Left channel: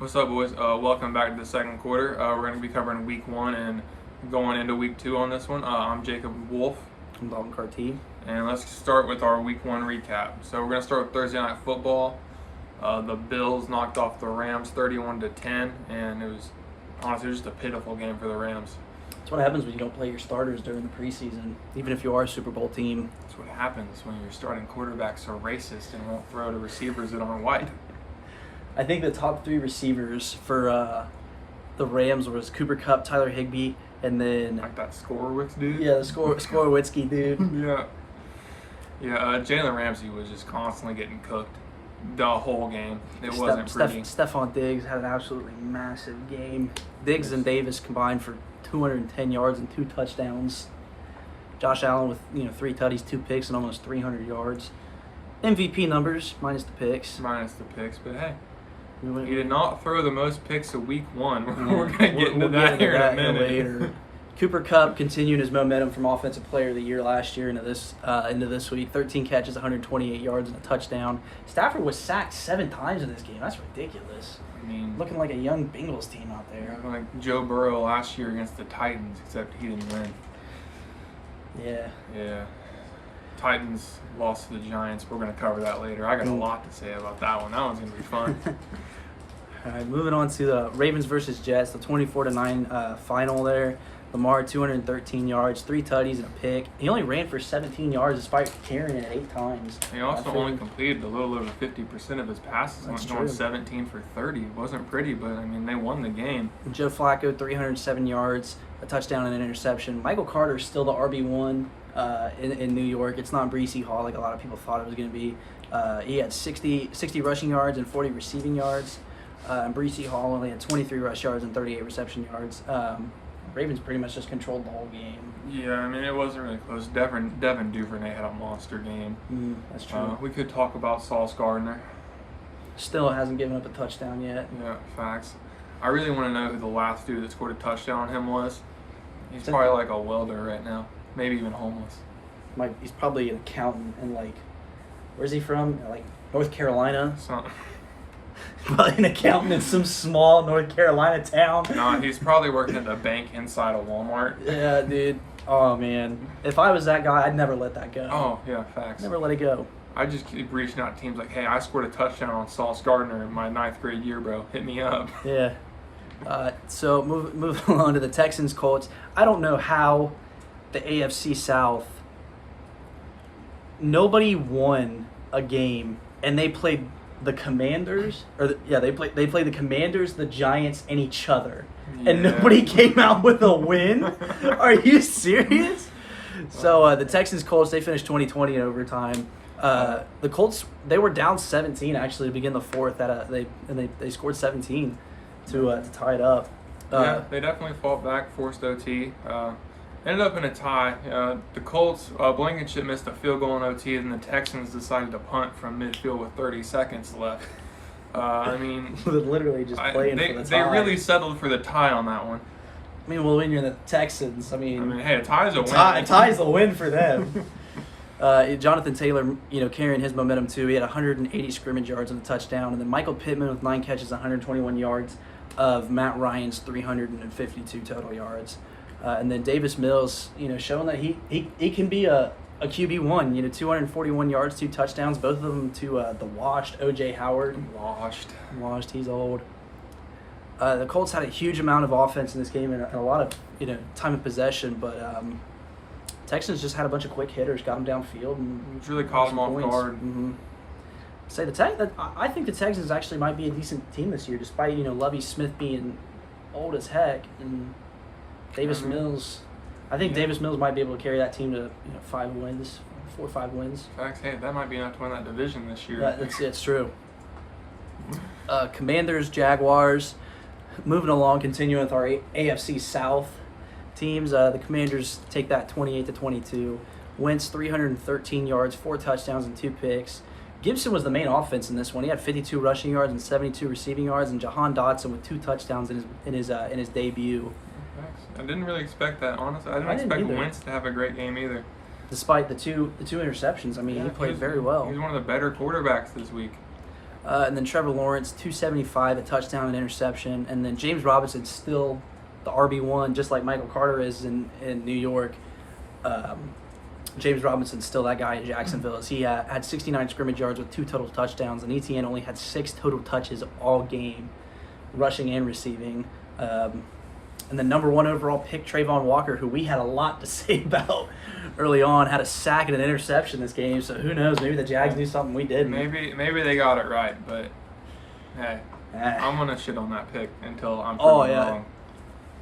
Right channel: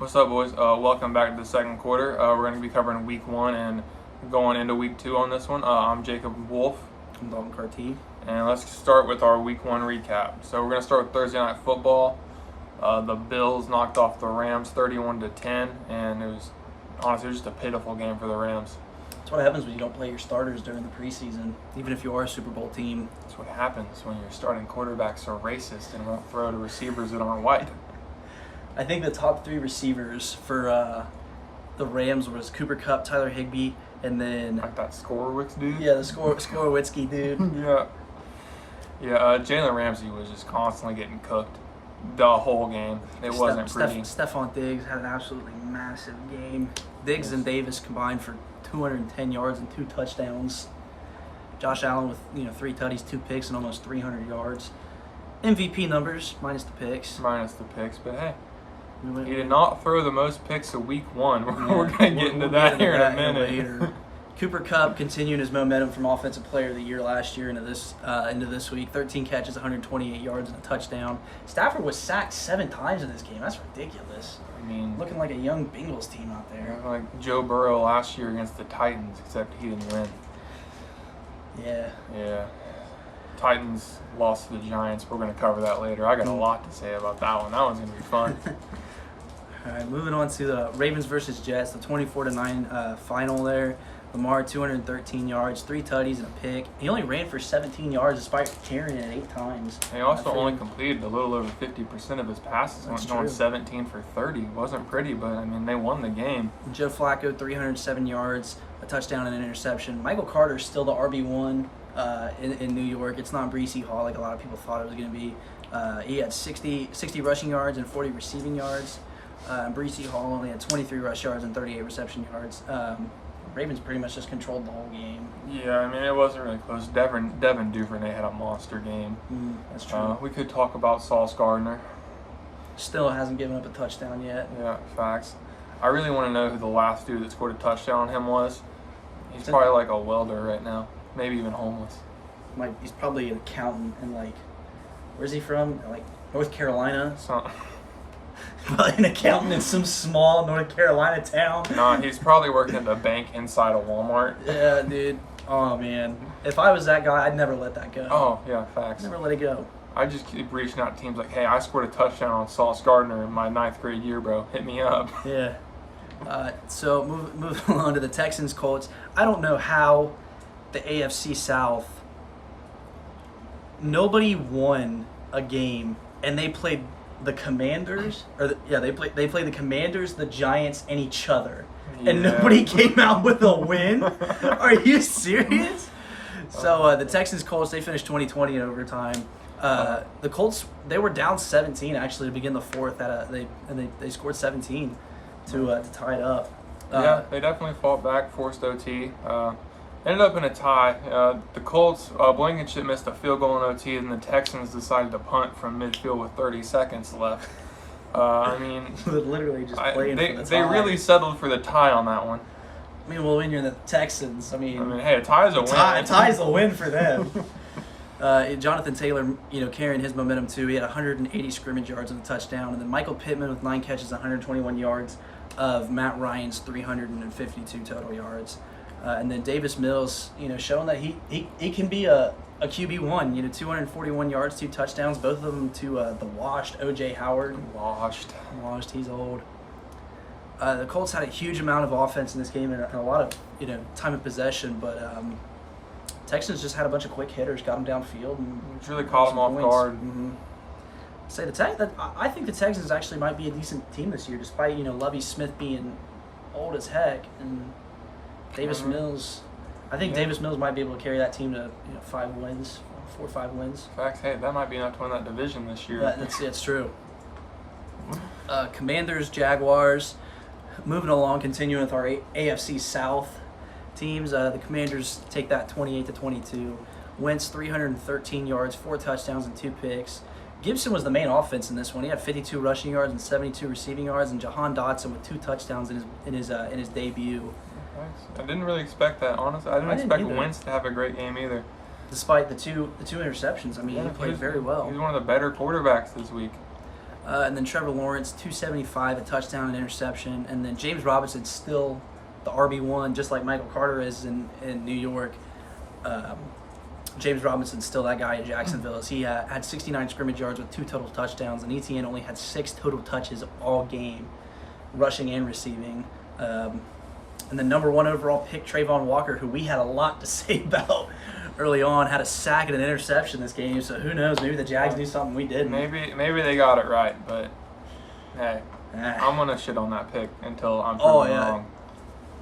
What's up, boys? Welcome back to the second quarter. We're going to be covering week 1 and going into week 2 on this one. I'm Jacob Wolf. I'm Dalton Carty. And let's start with our week 1 recap. So we're going to start with Thursday Night Football. The Bills knocked off the Rams 31-10, and it was honestly just a pitiful game for the Rams. That's what happens when you don't play your starters during the preseason, even if you are a Super Bowl team. That's what happens when your starting quarterbacks are racist and won't throw to receivers that aren't white. I think the top 3 receivers for the Rams was Cooper Kupp, Tyler Higbee, and then Like that Skorowitz dude? the Skorowitzki dude. Jalen Ramsey was just constantly getting cooked the whole game. It wasn't pretty. Stephon Diggs had an absolutely massive game. Diggs and Davis combined for 210 yards and 2 touchdowns. Josh Allen with 3 tutties, 2 picks, and almost 300 yards. MVP numbers minus the picks. But hey, he did not throw the most picks of week 1. We're going to get into We'll that get here in a minute. later. Cooper Kupp continuing his momentum from Offensive Player of the Year last year into this week. 13 catches, 128 yards, and a touchdown. Stafford was sacked 7 times in this game. That's ridiculous. I mean, Looking like a young Bengals team out there. like Joe Burrow last year against the Titans, except he didn't win. Yeah. Titans lost to the Giants. We're going to cover that later. I got a lot to say about that one. That one's going to be fun. All right, moving on to the Ravens versus Jets, the 24-9 final there. Lamar, 213 yards, 3 tutties, and a pick. He only ran for 17 yards despite carrying it 8 times. He also only completed a little over 50% of his passes. That's going true. 17 for 30. Wasn't pretty, but I mean, they won the game. Joe Flacco, 307 yards, a touchdown and an interception. Michael Carter's still the RB1 in New York. It's not Breece Hall like a lot of people thought it was going to be. He had 60 rushing yards and 40 receiving yards. And Breece Hall only had 23 rush yards and 38 reception yards. Ravens pretty much just controlled the whole game. Yeah, I mean, it wasn't really close. Devin Duvernay had a monster game. That's true. We could talk about Sauce Gardner. Still hasn't given up a touchdown yet. Yeah, facts. I really want to know who the last dude that scored a touchdown on him was. He's probably like a welder right now. Maybe even homeless. He's probably an accountant in where's he from? North Carolina. So, Probably an accountant in some small North Carolina town. no, he's probably working at the bank inside of Walmart. Yeah, dude. Oh, man. If I was that guy, I'd never let that go. Oh, yeah, facts. Never let it go. I just keep reaching out to teams like, hey, I scored a touchdown on Sauce Gardner in my 9th grade year, bro. Hit me up. Yeah. So moving along to the Texans Colts. I don't know how the AFC South, nobody won a game, and they played the Commanders, they played the Commanders, the Giants, and each other, and nobody came out with a win. Are you serious? So the Texans Colts, they finished 20-20 in overtime. The Colts, they were down 17 actually to begin the fourth. They scored 17 to tie it up. Yeah, they definitely fought back, forced OT. Ended up in a tie. The Colts, Blankenship missed a field goal in OT, and the Texans decided to punt from midfield with 30 seconds left. I mean, literally just playing for the tie. They really settled for the tie on that one. I mean, well, when you're the Texans, hey, a tie is a win. A tie is a win for them. Jonathan Taylor, carrying his momentum too. He had 180 scrimmage yards and a touchdown, and then Michael Pittman with 9 catches, 121 yards of Matt Ryan's 352 total yards. And then Davis Mills, showing that he can be a QB1. 241 yards, 2 touchdowns, both of them to the washed O.J. Howard. Washed. He's old. The Colts had a huge amount of offense in this game and a lot of time of possession, but Texans just had a bunch of quick hitters, got them downfield, and it's really caught them off guard. Mm-hmm. I think the Texans actually might be a decent team this year, despite Lovie Smith being old as heck and Davis Mills. I think Davis Mills might be able to carry that team to 5 wins, 4 or 5 wins. Facts. Hey, that might be enough to win that division this year. It's true. Commanders, Jaguars. Moving along, continuing with our AFC South teams. The Commanders take that 28-22. Wentz 313 yards, 4 touchdowns, and 2 picks. Gibson was the main offense in this one. He had 52 rushing yards and 72 receiving yards, and Jahan Dotson with 2 touchdowns in his debut. I didn't really expect that, honestly. I didn't expect Wentz to have a great game either. Despite the two interceptions, he played very well. He's one of the better quarterbacks this week. And then Trevor Lawrence, 275, a touchdown and interception. And then James Robinson still the RB1, just like Michael Carter is in New York. James Robinson's still that guy in Jacksonville. He had 69 scrimmage yards with 2 total touchdowns, and Etienne only had 6 total touches all game, rushing and receiving. And the number 1 overall pick, Trayvon Walker, who we had a lot to say about early on, had a sack and an interception this game. So who knows? Maybe the Jags knew something we didn't. Maybe they got it right, but hey, I'm gonna shit on that pick until I'm proven wrong.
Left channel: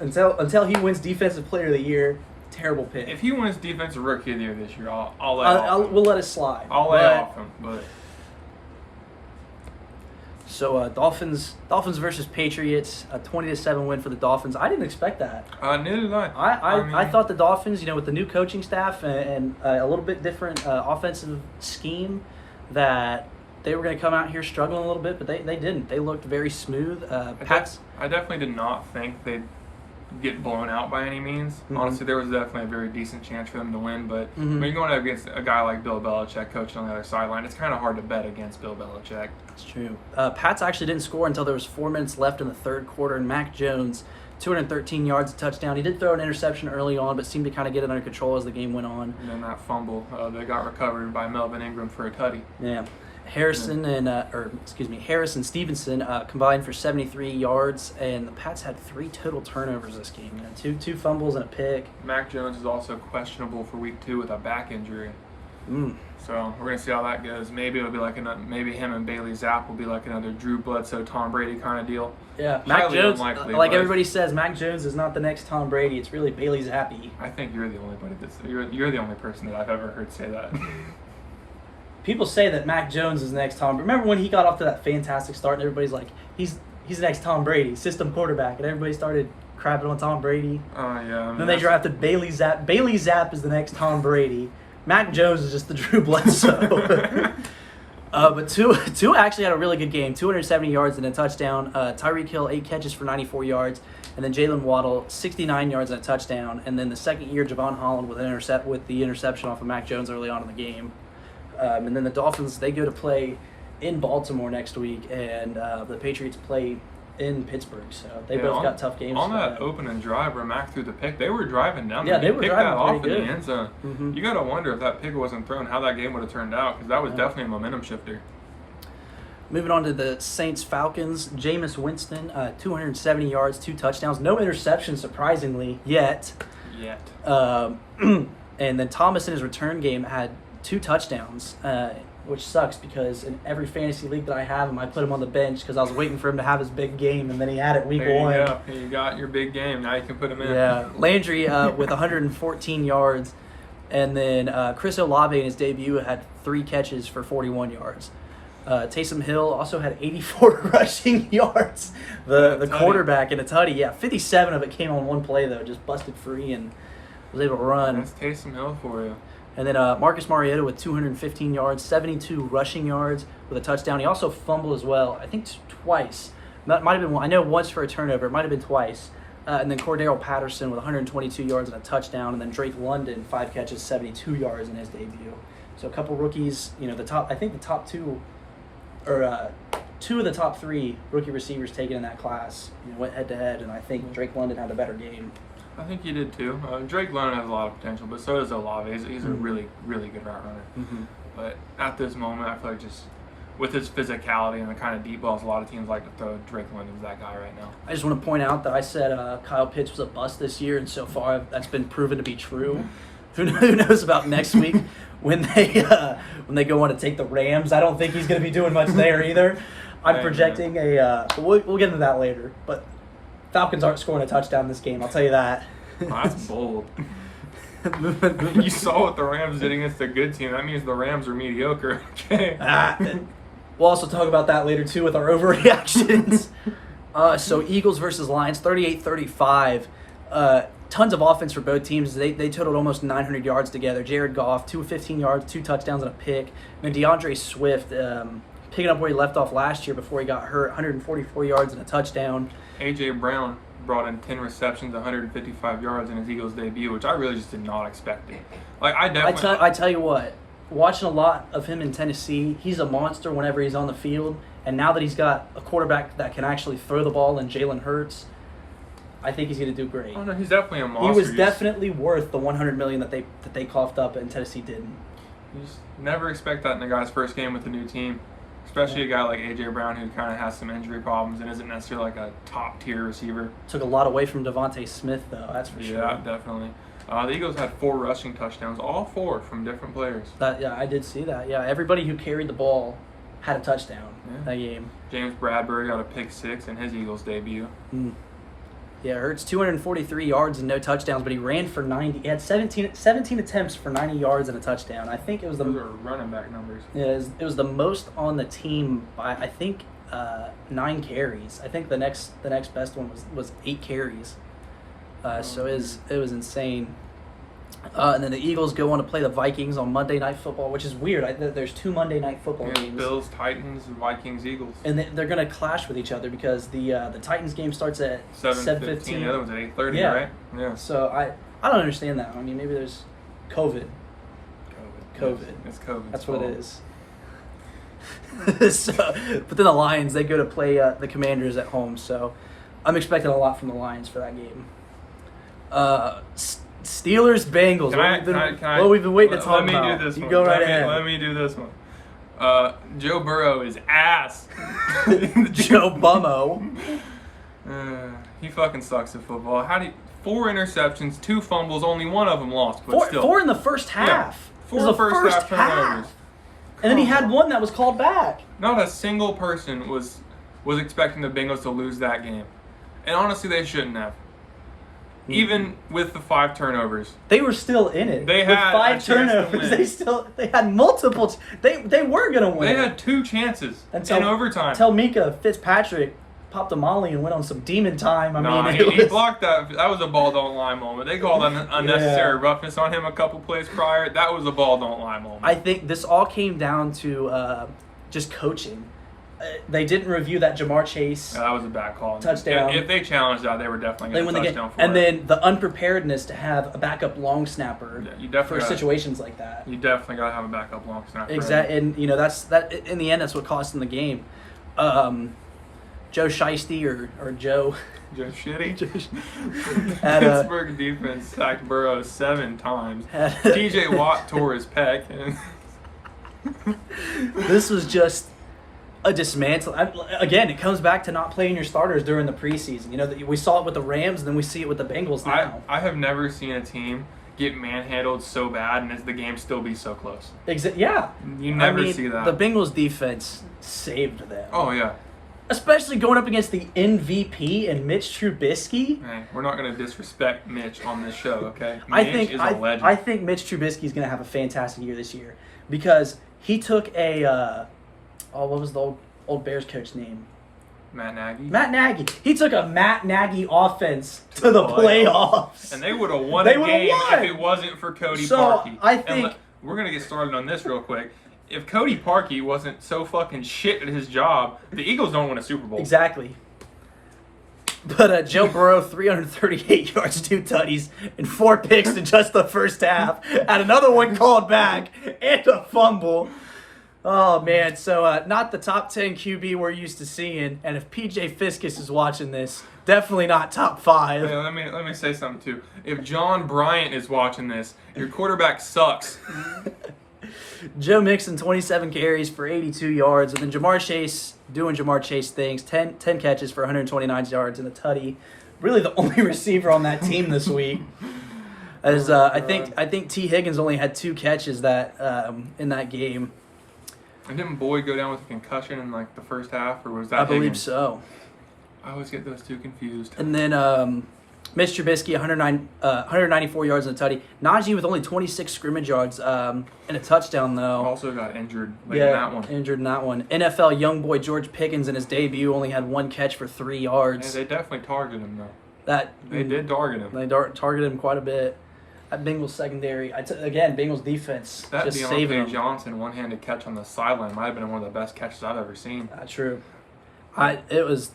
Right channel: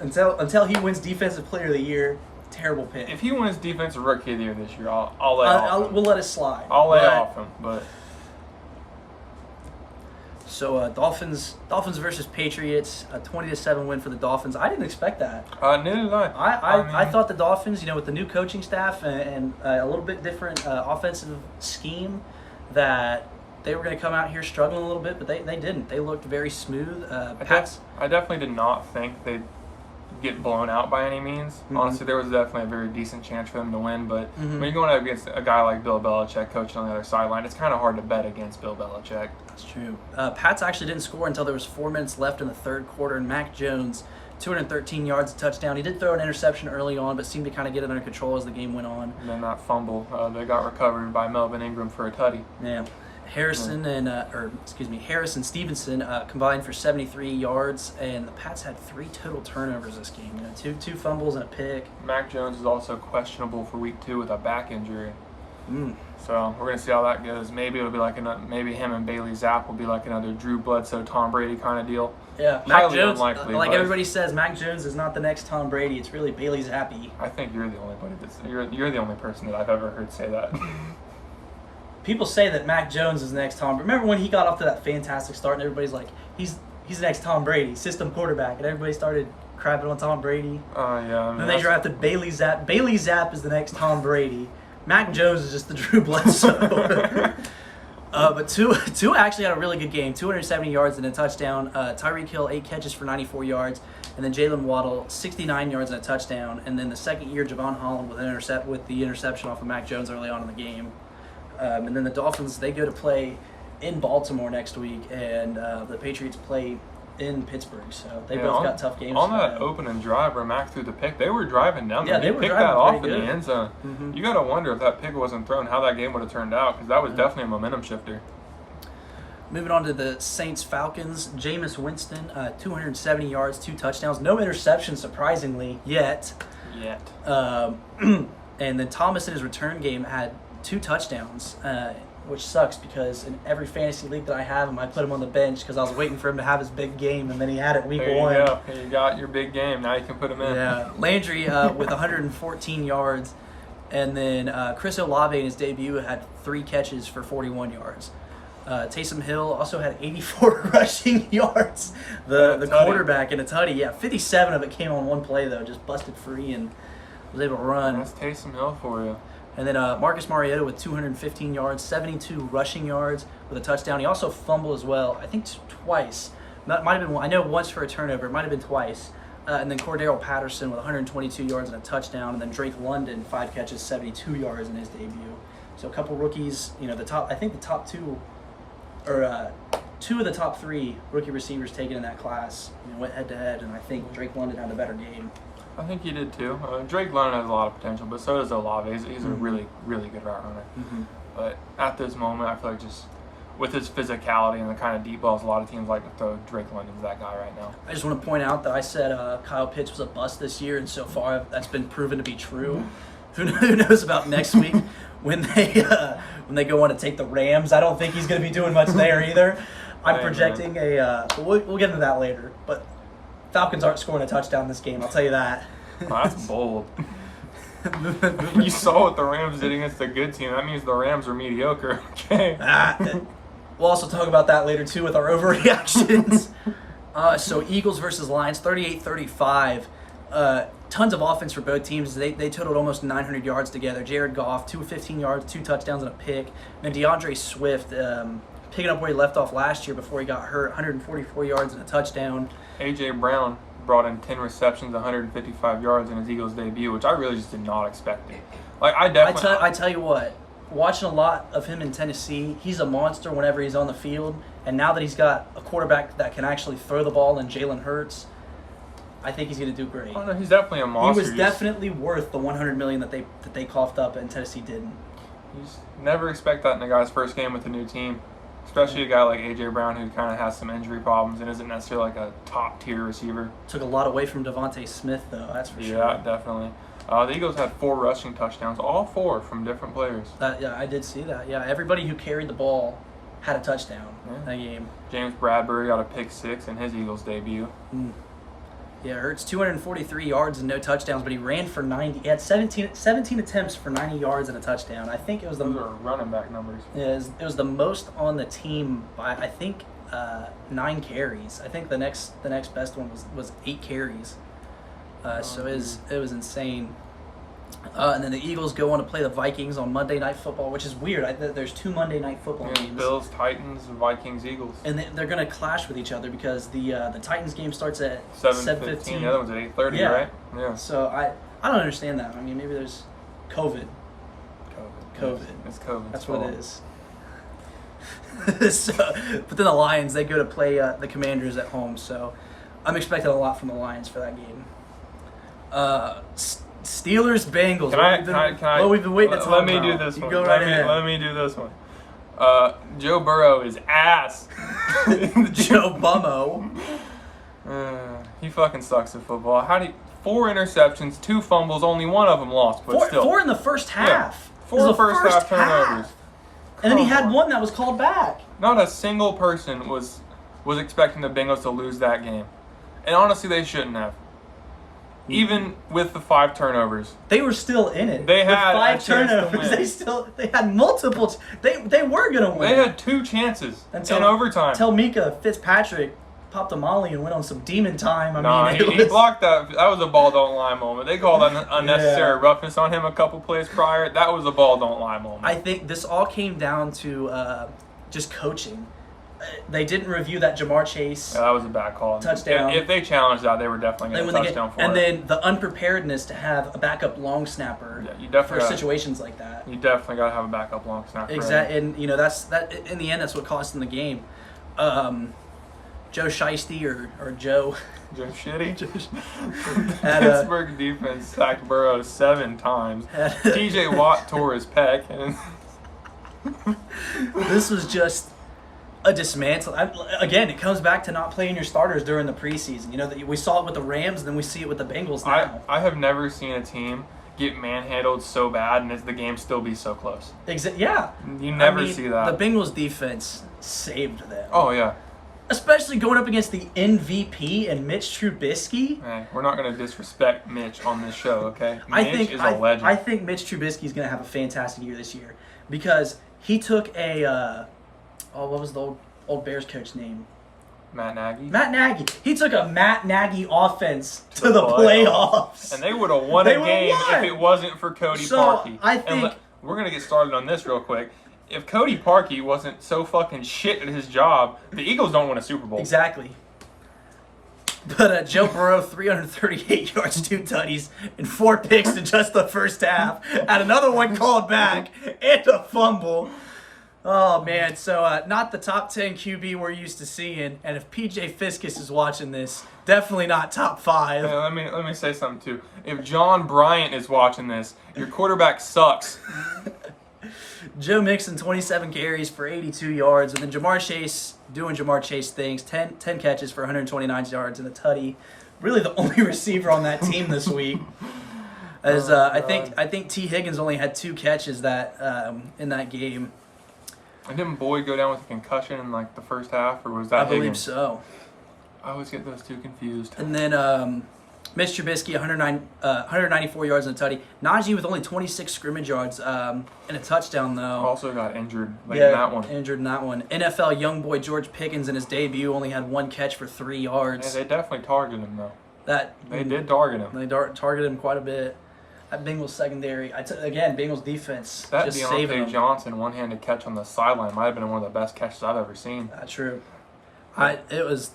Until he wins Defensive Player of the Year, terrible pick. If he wins Defensive Rookie of the Year this year, I'll lay off him. We'll let it slide. I'll lay off him, but. So Dolphins versus Patriots, a 20-7 win for the Dolphins. I didn't expect that. Neither did I. I thought the Dolphins, with the new coaching staff and a little bit different offensive scheme, that they were going to come out here struggling a little bit, but they didn't. They looked very smooth. I definitely did not think they'd get blown out by any means. Mm-hmm. Honestly, there was definitely a very decent chance for them to win, but when you're going up against a guy like Bill Belichick coaching on the other sideline, it's kind of hard to bet against Bill Belichick. That's true. Pats actually didn't score until there was 4 minutes left in the third quarter, and Mac Jones, 213 yards, a touchdown. He did throw an interception early on, but seemed to kind of get it under control as the game went on. And then that fumble, they got recovered by Melvin Ingram for a tutty. Yeah. Harris and Stevenson combined for 73 yards, and the Pats had 3 total turnovers this game. Two fumbles and a pick. Mac Jones is also questionable for week 2 with a back injury. So we're gonna see how that goes. Maybe it'll be like maybe him and Bailey Zapp will be like another Drew Bledsoe, Tom Brady kind of deal. Yeah, Mac Jones. Like everybody says, Mac Jones is not the next Tom Brady. It's really Bailey Zappi. I think you're the only the only person that I've ever heard say that. People say that Mac Jones is the next Tom. Remember when he got off to that fantastic start and everybody's like, he's the next Tom Brady, system quarterback, and everybody started crapping on Tom Brady. Oh yeah. Then they drafted Bailey Zapp. Bailey Zapp is the next Tom Brady. Mac Jones is just the Drew Bledsoe. But Tua actually had a really good game. 270 yards and a touchdown. Tyreek Hill, 8 catches for 94 yards. And then Jalen Waddle, 69 yards and a touchdown. And then the second year, Javon Holland with the interception off of Mac Jones early on in the game. And then the Dolphins, they go to play in Baltimore next week, and the Patriots play in Pittsburgh. So they both got tough games. On that opening drive where Mac threw the pick, they were driving down. Yeah, they were driving that off pretty in good. the end zone. Mm-hmm. You got to wonder if that pick wasn't thrown, how that game would have turned out, because that was definitely a momentum shifter. Moving on to the Saints-Falcons, Jameis Winston, 270 yards, 2 touchdowns, no interceptions, surprisingly, yet. And then Thomas in his return game had 2 touchdowns, which sucks because in every fantasy league that I have him, I put him on the bench because I was waiting for him to have his big game, and then he had it week 1. Yeah, you got your big game. Now you can put him in. Yeah, Landry with 114 yards, and then Chris Olave in his debut had 3 catches for 41 yards. Taysom Hill also had 84 rushing yards. The quarterback in a tutty. Yeah, 57 of it came on one play though, just busted free and was able to run. That's Taysom Hill for you. And then Marcus Mariota with 215 yards, 72 rushing yards with a touchdown. He also fumbled as well, I think twice. That might have been one. I know once for a turnover. It might have been twice. And then Cordero Patterson with 122 yards and a touchdown. And then Drake London, 5 catches, 72 yards in his debut. So a couple rookies. The top 2, or 2 of the top 3 rookie receivers taken in that class went head to head. And I think Drake London had a better game. I think he did too. Drake London has a lot of potential, but so does Olave. He's a really, really good route runner. Mm-hmm. But at this moment, I feel like just with his physicality and the kind of deep balls a lot of teams like to throw, Drake London's that guy right now. I just want to point out that I said Kyle Pitts was a bust this year, and so far that's been proven to be true. Who knows about next week when they go on to take the Rams? I don't think he's going to be doing much there either. I'm projecting we'll get into that later, but Falcons aren't scoring a touchdown this game, I'll tell you that. Well, that's bold. You saw what the Rams did against a good team. That means the Rams are mediocre. Okay. We'll also talk about that later, too, with our overreactions. So Eagles versus Lions, 38-35. Tons of offense for both teams. They totaled almost 900 yards together. Jared Goff, 215 yards, 2 touchdowns, and a pick. And then DeAndre Swift, picking up where he left off last year before he got hurt, 144 yards and a touchdown. A.J. Brown brought in 10 receptions, 155 yards in his Eagles debut, which I really just did not expect it. Like I tell you what, watching a lot of him in Tennessee. He's a monster whenever he's on the field. And now that he's got a quarterback that can actually throw the ball in Jalen Hurts, I think he's going to do great. Oh, no, he's definitely a monster. He was definitely worth the $100 million that they coughed up and Tennessee didn't. You just never expect that in a guy's first game with a new team, especially a guy like A.J. Brown who kind of has some injury problems and isn't necessarily like a top-tier receiver. Took a lot away from Devontae Smith, though, that's for sure. Yeah, definitely. The Eagles had 4 rushing touchdowns, all 4 from different players. Yeah, I did see that. Yeah, everybody who carried the ball had a touchdown that game. James Bradbury got a pick 6 in his Eagles debut. Yeah, Hurts 243 yards and no touchdowns, but he ran for 90. He had 17 attempts for 90 yards and a touchdown. I think it was Those are running back numbers. Yeah, it was the most on the team by I think 9 carries. I think the next best one was 8 carries. So it was insane. And then the Eagles go on to play the Vikings on Monday Night Football, which is weird. There's 2 Monday Night Football games. Bills, Titans, Vikings, Eagles. And they're going to clash with each other because the Titans game starts at 7:15. The other one's at 8:30, right? Yeah. So I don't understand that. I mean, maybe there's COVID. It's COVID. That's what it is. But then the Lions, they go to play the Commanders at home. So I'm expecting a lot from the Lions for that game. Steelers, Bengals. We've been waiting to talk about. Let me do this one. Go right ahead. Let me do this one. Joe Burrow is ass. Joe Bummo. He fucking sucks at football. 4 interceptions, 2 fumbles, only one of them lost, but still. 4 in the first half. Yeah, 4 in the first half. And then he had one that was called back. Not a single person was expecting the Bengals to lose that game. And honestly, they shouldn't have. Even with the 5 turnovers, they were still in it. They with had 5 turnovers. They had multiple. They were gonna win. They had 2 chances in overtime. Until Mika Fitzpatrick popped a molly and went on some demon time. He blocked that. That was a ball don't lie moment. They called unnecessary roughness on him a couple plays prior. That was a ball don't lie moment. I think this all came down to just coaching. They didn't review that Jamar Chase. Yeah, that was a bad call. Touchdown. If they challenged that, they were definitely going to touchdown for it. And then the unpreparedness to have a backup long snapper for situations like that. You definitely got to have a backup long snapper. Exactly, and that in the end, that's what cost them the game. Joe Shiesty or Joe. Joe Shitty. Pittsburgh defense sacked Burrow 7 times. T.J. Watt tore his pec. This was just a dismantle. Again, it comes back to not playing your starters during the preseason. You know, we saw it with the Rams, and then we see it with the Bengals now. I have never seen a team get manhandled so bad and the game still be so close. Yeah. You never see that. The Bengals defense saved them. Oh, yeah. Especially going up against the MVP and Mitch Trubisky. Hey, we're not going to disrespect Mitch on this show, okay? Mitch is a legend. I think Mitch Trubisky is going to have a fantastic year this year because he took what was the old Bears coach name? Matt Nagy. Matt Nagy. He took a Matt Nagy offense to the playoffs. And they would have won a game if it wasn't for Cody Parkey. I think we're going to get started on this real quick. If Cody Parkey wasn't so fucking shit at his job, the Eagles don't win a Super Bowl. Exactly. But Joe Burrow, 338 yards, 2 tutties, and 4 picks in just the first half. Had another one called back and a fumble. Oh, man. So not the top 10 QB we're used to seeing. And if PJ Fiskus is watching this, definitely not top 5. Yeah, let me say something, too. If John Bryant is watching this, your quarterback sucks. Joe Mixon, 27 carries for 82 yards. And then Jamar Chase doing Jamar Chase things. 10 catches for 129 yards and a tutty. Really the only receiver on that team this week. As I think T. Higgins only had 2 catches in that game. And didn't Boyd go down with a concussion in the first half, or was that? I believe so. I always get those 2 confused. And then Mitch Trubisky, 194 yards and a tutty. Najee with only 26 scrimmage yards and a touchdown, though. Also got injured in that one. Injured in that one. NFL young boy George Pickens in his debut only had 1 catch for 3 yards. Hey, they definitely targeted him, though. They did target him. They targeted him quite a bit. That Bengals secondary, again, Bengals defense that just saving them. Johnson one-handed catch on the sideline might have been one of the best catches I've ever seen. True. That was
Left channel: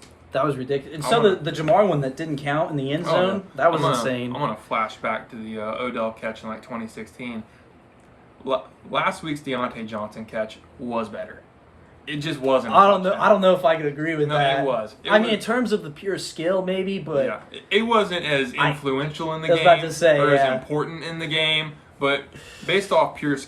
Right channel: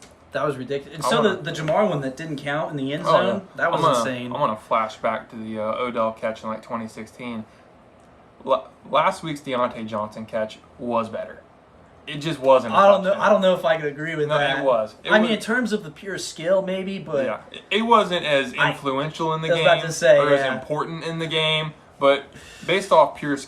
ridiculous. And so the Jamar one that didn't count in the end zone, that was insane. I'm going to flash back to the Odell catch in 2016. last week's Deontay Johnson catch was better. It just wasn't. I don't know if I could agree with that. It was. I mean, in terms of the pure skill, maybe, but yeah, it wasn't as influential in the game. I was about to say, or as important in the game. But based off pure